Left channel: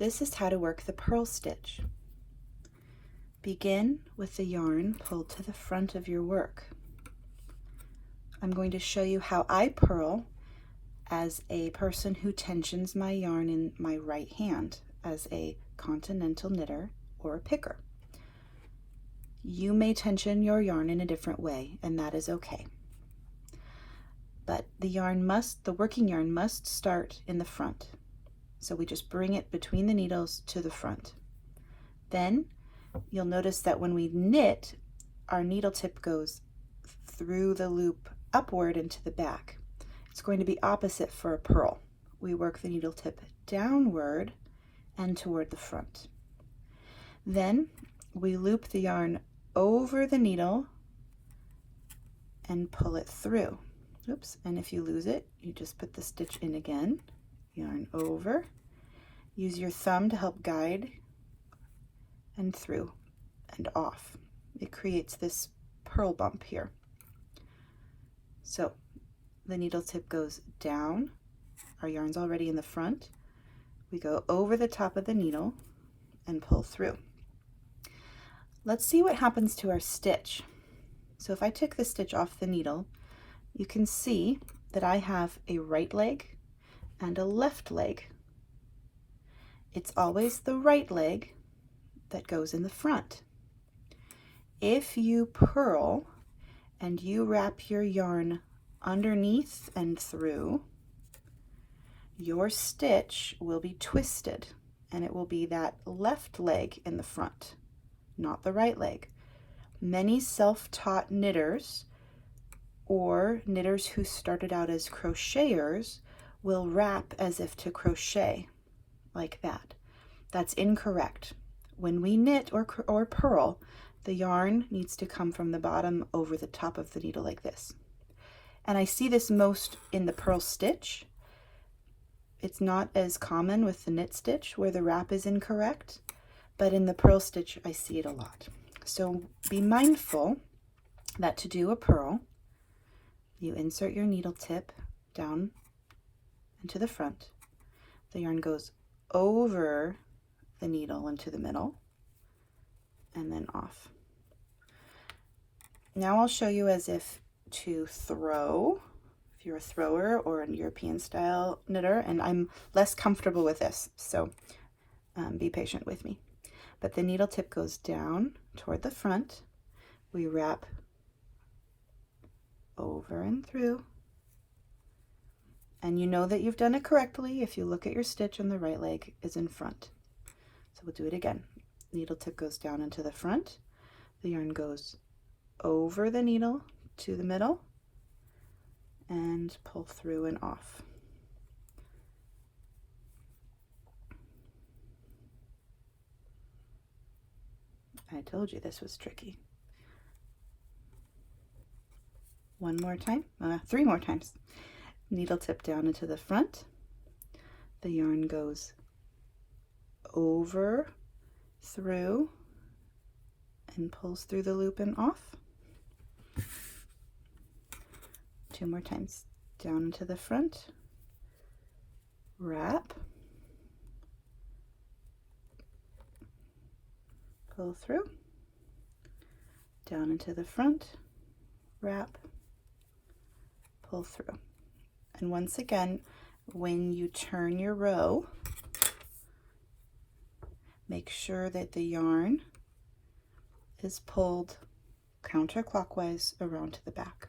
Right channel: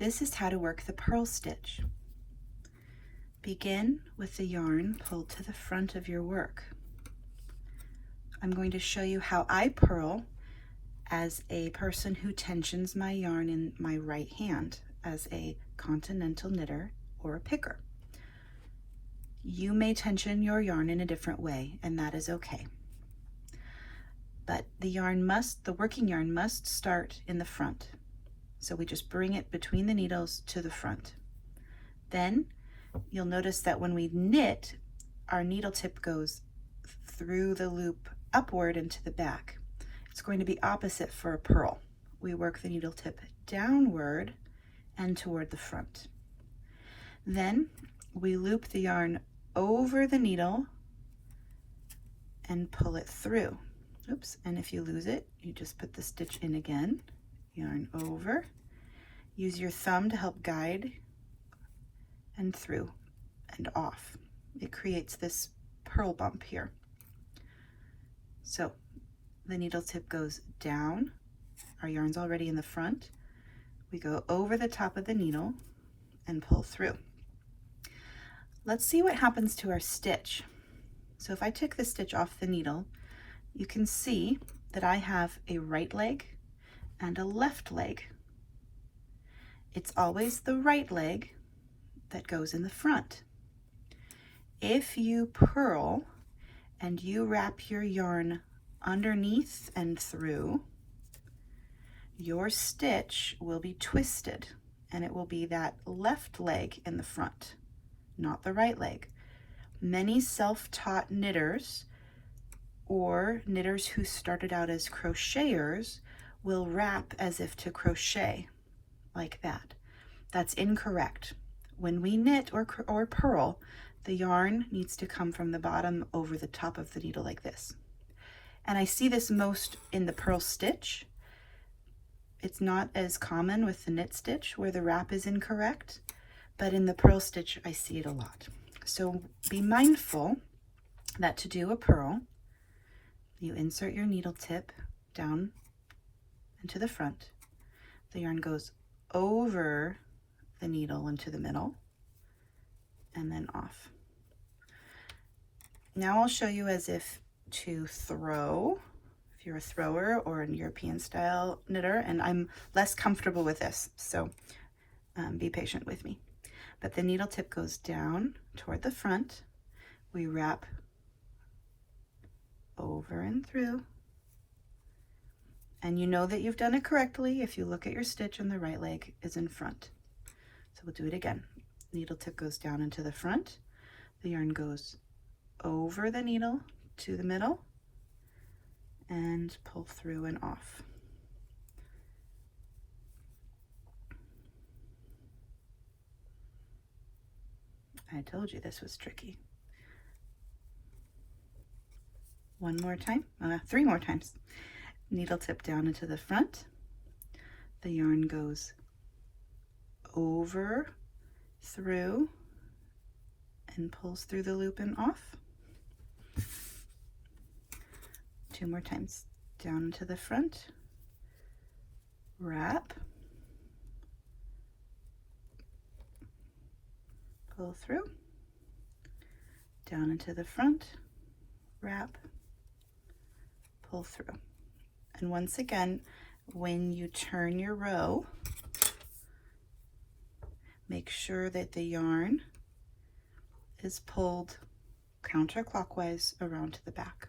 This is how to work the purl stitch. Begin with the yarn pulled to the front of your work. I'm going to show you how I purl as a person who tensions my yarn in my right hand as a Continental knitter or a picker. You may tension your yarn in a different way, and that is okay. But the working yarn must start in the front. So we just bring it between the needles to the front. Then you'll notice that when we knit, our needle tip goes through the loop upward into the back. It's going to be opposite for a purl. We work the needle tip downward and toward the front. Then we loop the yarn over the needle and pull it through. Oops, and if you lose it, you just put the stitch in again, yarn over, use your thumb to help guide, and through and off. It creates this purl bump here. So the needle tip goes down, our yarn's already in the front, we go over the top of the needle and pull through. Let's see what happens to our stitch. So if I take the stitch off the needle, you can see that I have a right leg and a left leg. It's always the right leg that goes in the front. If you purl and you wrap your yarn underneath and through, your stitch will be twisted and it will be that left leg in the front, not the right leg. Many self-taught knitters or knitters who started out as crocheters will wrap as if to crochet like that. That's incorrect. When we knit or purl, the yarn needs to come from the bottom over the top of the needle like this. And I see this most in the purl stitch. It's not as common with the knit stitch where the wrap is incorrect, but in the purl stitch I see it a lot. So be mindful that to do a purl, you insert your needle tip down into the front. The yarn goes over the needle into the middle and then off. Now I'll show you as if to throw, if you're a thrower or a European style knitter, and I'm less comfortable with this, so be patient with me. But the needle tip goes down toward the front. We wrap over and through. And you know that you've done it correctly if you look at your stitch and the right leg is in front. So we'll do it again. Needle tip goes down into the front. The yarn goes over the needle to the middle and pull through and off. I told you this was tricky. One more time, 3 more times. Needle tip down into the front. The yarn goes over, through, and pulls through the loop and off. 2 more times. Down into the front, wrap, pull through, down into the front, wrap, pull through. And once again, when you turn your row, make sure that the yarn is pulled counterclockwise around to the back.